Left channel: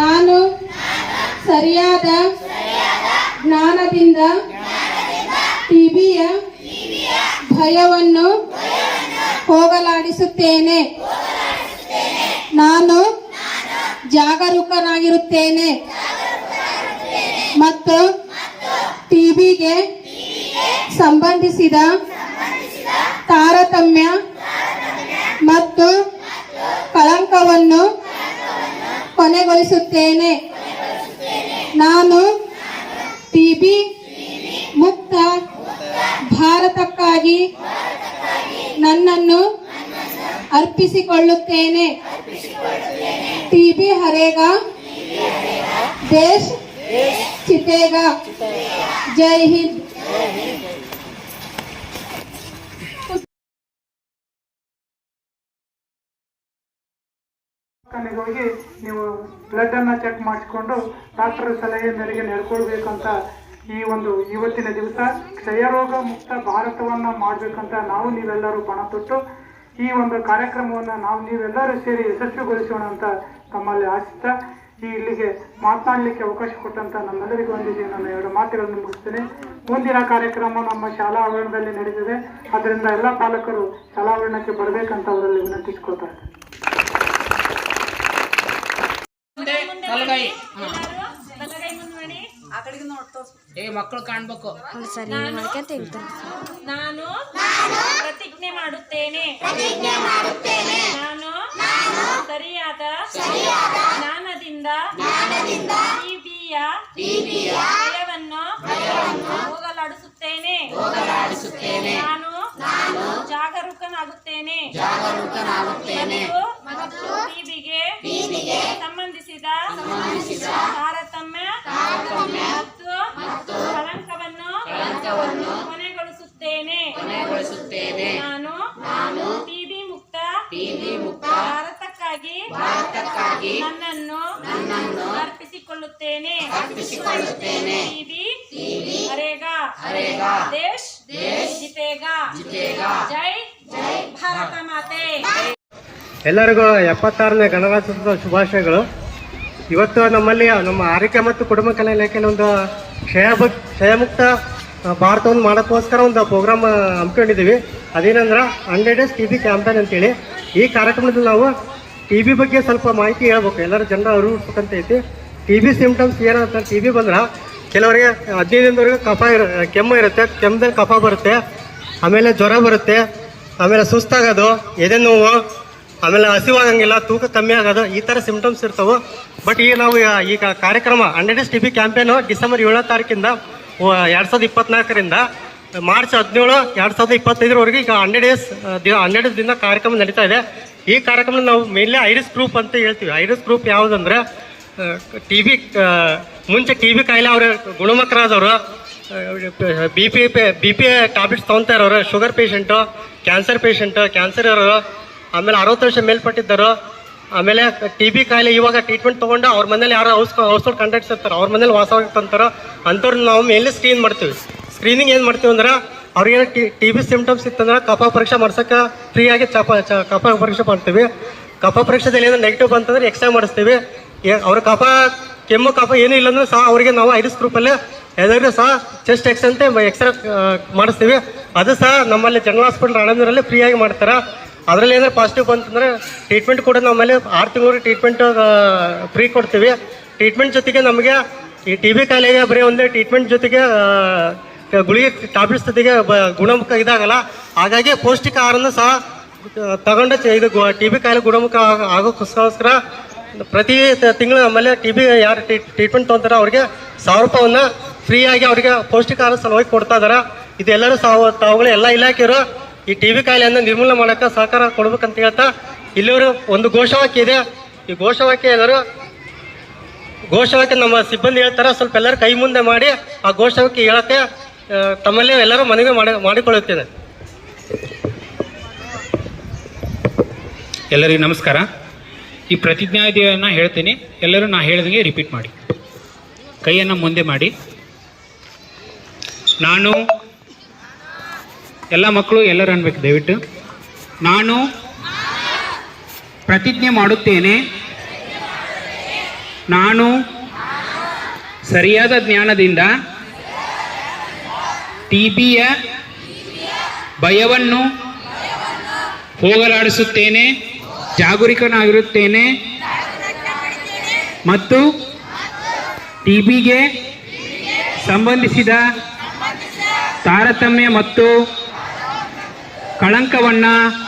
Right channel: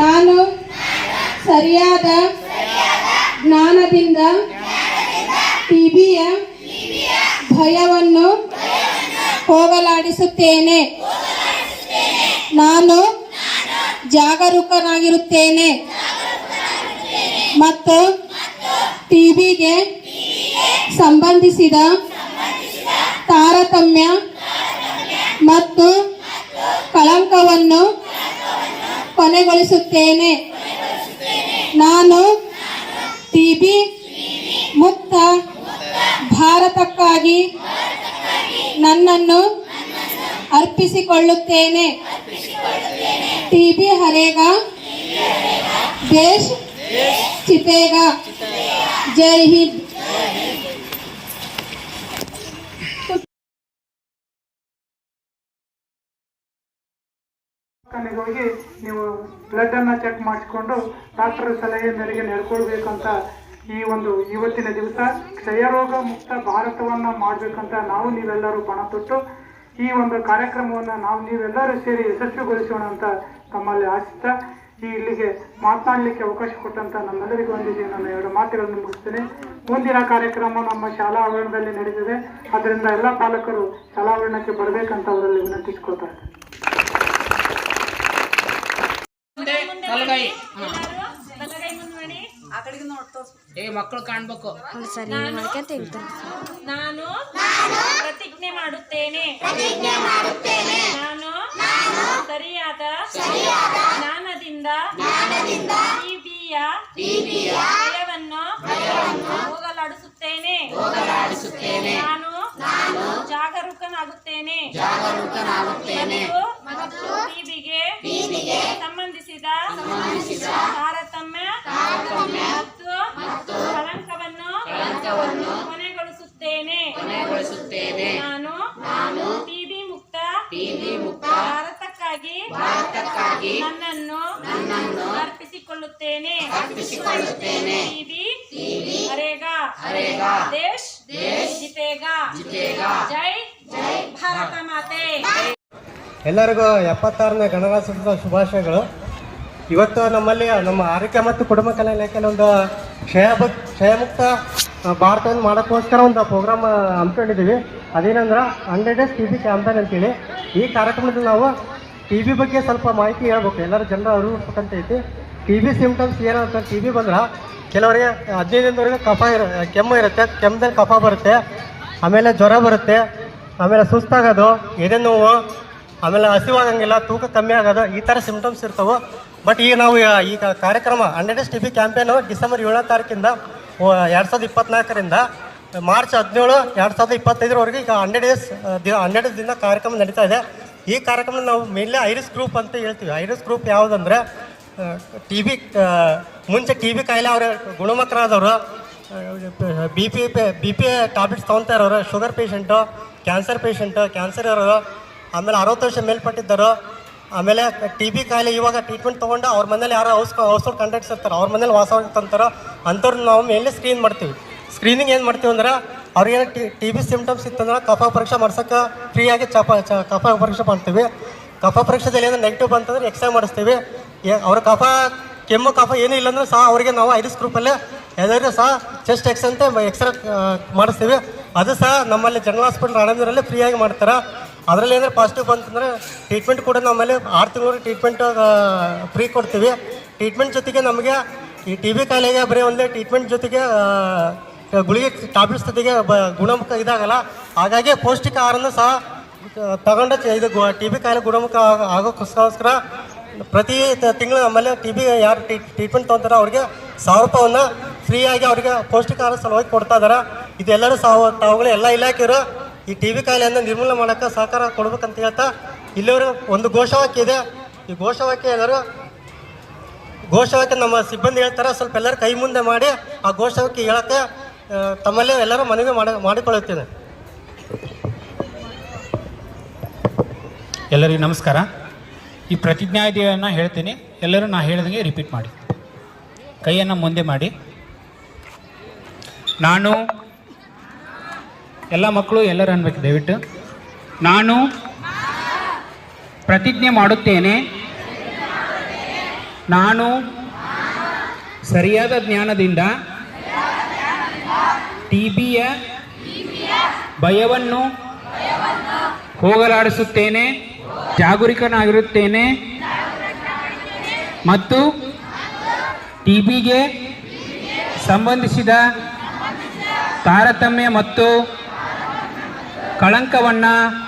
ನಾನು ಸರಿಯಾದ ಜ್ಞಾನದಿಂದ ಟಿಬಿಯ ಭಯವನ್ನು ಹೋಗಲಾಡಿಸುತ್ತೇನೆ. ನಾನು ಜಾಗರೂಕನಾಗಿರುತ್ತೇನೆ ಮತ್ತು ಟಿಬಿಗೆ ಸಂಬಂಧಿಸಿದ ತಾರತಮ್ಯ ಮತ್ತು ಕಳಂಕವನ್ನು ಕೊನೆಗೊಳಿಸುತ್ತೇನೆ. ನಾನು ಟಿಬಿ ಮುಕ್ತ ಭಾರತಕ್ಕಾಗಿ ನನ್ನನ್ನು ಅರ್ಪಿಸಿಕೊಳ್ಳುತ್ತೇನೆ. ಟಿಬಿ ಹರೇಗಾ, ದೇಶ್ ಚಿತೇಗಾ. ಜೈ ಹಿಂದ್. ಹೋಗಿ ನೀವು ಬ್ಲಡ್ ಅನ್ನ ಚೆಕ್ ಮಾಡಿಸಿಕೊಂಡು ಡಾಕ್ಟರ್ ಸಲಹೆ ಮೇರೆಗೆ ನಡ್ಕೊಳ್ಬೇಕಂತ ಇವತ್ತಿನ ದಿವಸ ಕ್ಷಯರೋಗ ಮುಕ್ತ ಭಾರತವನ್ನ ಮಾಡ್ಬೇಕಂತ ನಾವು ನೀವೆಲ್ಲರೂ ಪಣ ತೊಟ್ಟು ಈ ಒಂದು ಕಾರ್ಯಕ್ರಮವನ್ನು ನಾವು ನೀವೆಲ್ಲರೂ ಸೇರಿ ಯಶಸ್ವಿಗೊಳಿಸೋಣ ಅಂತ ತಮ್ಮಲ್ಲಿ ಆಶಿಸ್ತಾ ಇಲ್ಲಿಗೆ ಮಾತನಾಡಲಿಕ್ಕೆ ಅವಕಾಶ ಕೊಟ್ಟಂತ ನಮ್ಮೆಲ್ಲರಿಗೂ ಒಂದಿಗೆ ನಾನು 2 ಮಾತುಗಳನ್ನು ಮುಗಿಸ್ತೇನೆ. ಮುಂದಿನ ಕಾರ್ಯಕ್ರಮ ನಮ್ಮ ಶಾಲಾ ಆವರಣದಲ್ಲಿ ನಡೆದಿದೆ. ಅದರಿಂದ ಎಲ್ಲ ಪಾಲಕರು ಶಾಲಾ ಆವರಣಕ್ಕೆ ಬರಬೇಕಂತ ಅವರಲ್ಲಿ ವಿನಂತಿಸಿಕೊಳ್ತಾರೆ. ಮಕ್ಕಳು ಕಾಣ್ಬೇಕು. ನಾನು ಪ್ರತಿಜ್ಞೆ ಮಾಡುತ್ತೇನೆ. ನಾನು ಸರಿಯಾದ ಜ್ಞಾನದಿಂದ ಟಿಬಿಯ ಭಯವನ್ನು ಹೋಗಲಾಡಿಸುತ್ತೇನೆ. ನಾನು ಜಾಗರೂಕನಾಗುತ್ತೇನೆ ಮತ್ತು ಟಿಬಿಗೆ ಸಂಬಂಧಿಸಿದ ತಾರತಮ್ಯ ಮತ್ತು ಕಳಂಕವನ್ನು ಕೊನೆಗೊಳಿಸುತ್ತೇನೆ. ನಾನು ಟಿಬಿ ಮುಕ್ತ ಭಾರತಕ್ಕಾಗಿ ನನ್ನನ್ನು ಅರ್ಪಿಸಿಕೊಳ್ಳುತ್ತೇನೆ. ಟಿಬಿ ಹರೇಗಾ, ದೇಶ್ ಜಿತೇಗಾ. ಜೈ ಭಾರತ ಮಾತೆ. ಎಲ್ಲರಿಗೂ 76ನೇ ಗಣರಾಜ್ಯೋತ್ಸವ ಶುಭಾಶಯಗಳು. ಇವತ್ತು ನಮ್ಮಲ್ಲಿ ನಮ್ಮ ಆರೋಗ್ಯ ಮತ್ತು ಕುಟುಂಬ ಕಲ್ಯಾಣ ಇಲಾಖೆಯಲ್ಲಿ ಒಂದು ಕ್ಷಯಮುಕ್ತ ಭಾರತವನ್ನು ಮಾಡೋಕ್ಕೋಸ್ಕರ ಒಂದು ಪ್ರೋಗ್ರಾಮ್ ಹಮ್ಮಿಕೊಂಡಿದ್ದೀವಿ. ಅದೇನಂದ್ರೆ 100 Days TB ಕ್ಯಾಂಪೇನ್ ಅಂತೇಳಿ. ಈ ಕಾರ್ಯಕ್ರಮದಲ್ಲಿ ನಾವು TB ಬಗ್ಗೆ ಸ್ವಲ್ಪ ಮಾಹಿತಿ ಹೇಳ್ಬೇಕು, ಎಲ್ಲರೂ ಜನರು ಅರಿವಿಸ್ಬೇಕಂತ ಐತಿ. TB ಸಿಂಪ್ಟಮ್ಸ್ ಏನಂತ, TB ಬಂದ್ರೆ ಕೆಲವರಿಗೆ 15 ದಿನದವರೆಗೆ ಕೆಮ್ಮು ಇರುತ್ತೆ, ಕೆಮ್ಮದಲ್ಲಿ ಕಫ ಬರುತ್ತೆ, ಆಮೇಲೆ ಜ್ವರ ಬರುತ್ತೆ, ಆಮೇಲೆ ಸುಸ್ತಾಗೋದು, ಎದೆ ನೋವು, ಆಮೇಲೆ ಹಸಿವಾಗಂಗಿಲ್ಲ, ತೂಕ ಕಮ್ಮಿ ಆಗೋದು, ಈ ಥರ ಸಿಂಪ್ಟಮ್ಸ್ ಇರ್ತವೆ. ಬಟ್ ಈಗ ನಾವು ಈಗ ಕಾರ್ಯಕ್ರಮ 100 Days TB ಕ್ಯಾಂಪೇನು ಡಿಸೆಂಬರ್ 7ನೇ ತಾರೀಕಿಂದ 2024ರಿಂದ ಮಾರ್ಚ್ 17, 2025ವರೆಗೆ ಈಗ 100 ದಿನ ಕಾರ್ಯಕ್ರಮ ನಡೀತಾ ಇದೆ. ಈ ಕಾರ್ಯಕ್ರಮದಲ್ಲಿ ನಾವು ಮೇನ್ಲಿ ಐರಿಸ್ ಗ್ರೂಪ್ ಅಂತ ಹೇಳ್ತೀವಿ. ಐರಿಸ್ ಗ್ರೂಪ್ ಯಾವುದಂದ್ರೆ TB ಮುಂಚೆ TB ಕಾಯಿಲೆ ಅವ್ರ ಗುಣಮುಖರಾದವರು, ಬಿ ಪಿ ಟ್ಯಾಬ್ಲೆಟ್ಸ್ ತೊಗೊತಾ ಇರೋರು, sugar patient, cancer patient, cancer ಇರೋರು, ಆಮೇಲೆ 60 ವರ್ಷ ಮೇಲ್ಪಟ್ಟಿದ್ದರು, ಆಮೇಲೆ TB ಕಾಯಿಲೆ ಇವಾಗ ಟ್ರೀಟ್ಮೆಂಟ್ ತೊಗೊಂಡು ಅವ್ರ ಮನೇಲಿ ಯಾರು ಔಷಧ ಕಾಂಟ್ಯಾಕ್ಟ್ಸ್ ಇರ್ತಾರೆ, ಅವ್ರ ಮನೇಲಿ ವಾಸವಾಗಿರ್ತಾರೋ ಅಂಥವ್ರನ್ನ ನಾವು ಮೇನ್ಲಿ ಸ್ಕ್ರೀನ್ ಮಾಡ್ತೀವಿ. ಸ್ಕ್ರೀನಿಂಗ್ ಏನು ಮಾಡ್ತೀವಿ ಅಂದ್ರೆ ಅವ್ರಿಗೆ TB ಸಿಂಪ್ಟಮ್ಸ್ ಇತ್ತಂದ್ರೆ ಕಫ ಪರೀಕ್ಷೆ ಮಾಡ್ಸೋಕ್ಕೆ ಫ್ರೀಯಾಗಿ ಕಫ ಪರೀಕ್ಷೆ ಮಾಡ್ತೀವಿ. ಕಫ ಪರೀಕ್ಷೆದಲ್ಲಿ ಏನೋ ನೆಗೆಟಿವ್ ಬಂತಂದ್ರೆ ಎಕ್ಸ್ರೇ ಮಾಡಿಸ್ತೀವಿ. ಅವ್ರ ಕೆಮ್ಮು ಕಫ ಏನೂ ಇಲ್ಲಾಂದ್ರೆ ಸಹ ಅವರಿಗೆ ನಾವು ಐರಿಸ್ ಗ್ರೂಪಲ್ಲೇ ಎಲ್ಲರೂ ಸಹ ಚೆಸ್ಟ್ ಎಕ್ಸ್ ಅಂತ ಎಕ್ಸ್ರೇ ಮಾಡಿಸ್ತೀವಿ. ಅದು ಸಹ ನಮ್ಮಲ್ಲಿ ಜನರಲ್ ಹಾಸ್ಪಿಟಲ್ ರಾಣಂದೂರಲ್ಲಿ ಫ್ರೀಯಾಗಿ ಮಾಡ್ತಾರೆ. ಅದರಲ್ಲಿ ಏನಾದ್ರು ಪಾಸಿಟಿವ್ ಬಂತಂದರೆ ಟ್ರೀಟ್ಮೆಂಟ್ ಕೂಡ ನಮ್ಮಲ್ಲಿ 6 ತಿಂಗಳು ಟ್ರೀಟ್ಮೆಂಟ್ ಫ್ರೀ ಕೊಡ್ತೀವಿ. ಟ್ರೀಟ್ಮೆಂಟ್ ಜೊತೆಗೆ ನಮಗೆ ಈ TB ಕಾಯಿಲೆಗೆ ಬರೀ ಒಂದೇ ಟ್ರೀಟ್ಮೆಂಟ್ ಜೊತೆಗೆ ಗುಳಿಗೆ ಟ್ಯಾಬ್ಲೆಟ್ಸ್ ಜೊತೆಗೆ ಗುಣಮುಖ ಇದಾಗಲ್ಲ. ಹಾಗಾಗಿ ಪೌಷ್ಟಿಕ ಆಹಾರನೂ ಸಹ ತಗೊಂಡು ಇದು TB ಕಾಯಿಲೆ ಗುಣಮುಖ ಆಗೋಕ್ಕೋಸ್ಕರ ಪ್ರತಿ ತಿಂಗಳು ನಮ್ಮಲ್ಲಿ TB ಯಾರು ಟ್ರೀಟ್ಮೆಂಟ್ ತೊಗೊತಾರೆ ಅವ್ರಿಗೆ 1000 ರೂಪಾಯಿನ ಫ್ರೀಯಾಗಿ ಅವರಿಗೆ ಪೌಷ್ಟಿಕ ಆಹಾರ ಸಲುವಾಗಿ ಕೊಡ್ತಾ ಇದ್ದಾರೆ. ಇದೆಲ್ಲರೂ ತಾವುಗಳು ಎಲ್ಲ ಇಲಾಖೆಯರು ಈ TB ಕಾಯಿಲೆಯನ್ನು ನಿರ್ಮೂಲನೆ ಮಾಡೋಕ್ಕೆ ಸಹಕಾರ ಕೊಡ್ಬೇಕಂತ ಹೇಳ್ತಾ ಇಲ್ಲಿವರು ಒಂದು ಘೋಷವಾಕ್ಯ ಇದೆ. ಈ ಘೋಷವಾಕ್ಯ ನಮ್ಮ ಸಿಬ್ಬಂದಿ ಹೇಳ್ತಾರೆ, ಸ್ವಲ್ಪ ಎಲ್ಲರೂ ಕೈ ಮುಂದೆ ಮಾಡಿ ಆ ಘೋಷವಾಕ್ಯ ಹೇಳೋಕ್ಕೆ ತಮ್ಮಲ್ಲೇ ಎಲ್ಲರೂ ಮನವಿ ಮಾಡಿಕೊಳ್ಳುತ್ತೇನೆ. ಎಲ್ಲರಿಗೂ ನಮಸ್ಕಾರ. ಈ ಪ್ರತಿಜ್ಞಾವಿಧಿಯನ್ನು ಹೇಳ್ತೀನಿ, ಎಲ್ಲರೂ ನಾ ಹೇಳಿದಂಗೆ ರಿಪೀಟ್ ಮಾಡಿ. ಕೈಯನ್ನು ಮುಂದೆ ಮಾಡಿ. ನಾನು, ಎಲ್ಲ ಮಕ್ಕಳು ಎಲ್ಲರೂ ಅನ್ಬೇಕು ದಯವಿಟ್ಟು. ನಾನು ಪ್ರತಿಜ್ಞೆ ಮಾಡುತ್ತೇನೆ ನಾನು ಸರಿಯಾದ ಜ್ಞಾನದಿಂದ ಟಿಬಿಯ ಭಯವನ್ನು ಹೋಗಲಾಡಿಸುತ್ತೇನೆ, ಜಾಗರೂಕನಾಗಿರುತ್ತೇನೆ ಮತ್ತು ಟಿಬಿಗೆ ಸಂಬಂಧಿಸಿದ ತಾರತಮ್ಯ ಮತ್ತು ಕಳಂಕವನ್ನು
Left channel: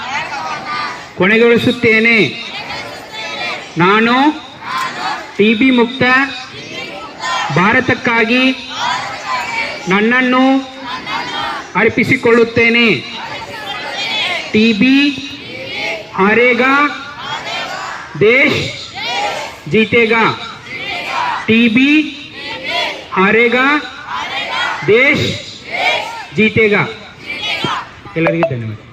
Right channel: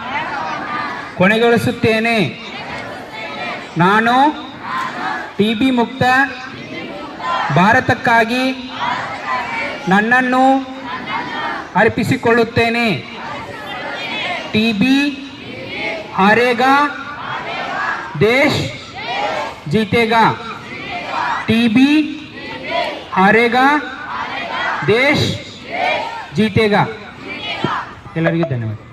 ಕೊನೆಗೊಳಿಸುತ್ತೇನೆ. ನಾನು ಟಿಬಿ ಮುಕ್ತ ಭಾರತಕ್ಕಾಗಿ ನನ್ನನ್ನು ಅರ್ಪಿಸಿಕೊಳ್ಳುತ್ತೇನೆ. ಟಿಬಿ ಹಾರೇಗಾ, ದೇಶ್ जीतेगा. टीबी हारेगा, देश जीतेगा. ಎಲ್ಲರಿಗೂ ಧನ್ಯವಾದ.